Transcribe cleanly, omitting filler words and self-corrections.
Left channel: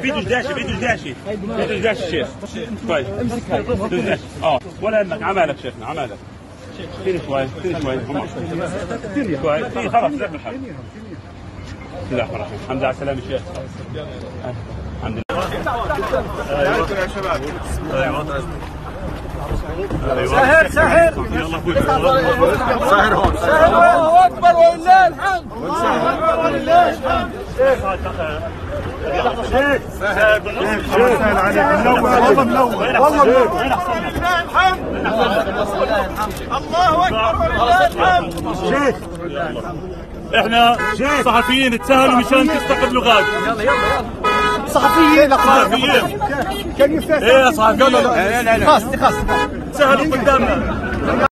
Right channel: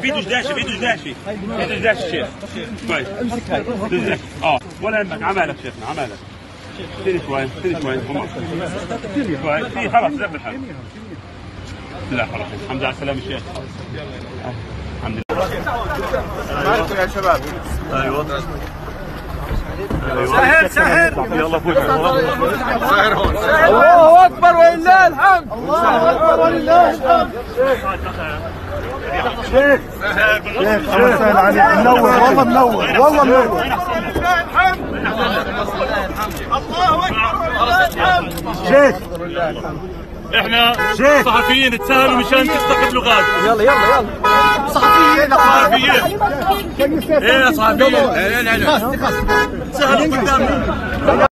فيديو جداشي شيخ. كويس. امسك هاي. ولا يهمك، عمالك شيخنا عمالك. سيري شوي. كويس. خلاص لا بالحق. لا خلاص الحمد لله على السلامة شيخ. الحمد لله. ايوه يا شباب. ايوه سهل يلا فوت. الله اكبر ولله الحمد. الله اكبر ولله الحمد. شيخ منور والله منور والله منور. الله اكبر ولله الحمد. شيخ احنا صحفيين تسهلوا مشان تستقبلوا ضيف. يلا صحفيين كان يفتح. لا خلاص سهلين قدامنا.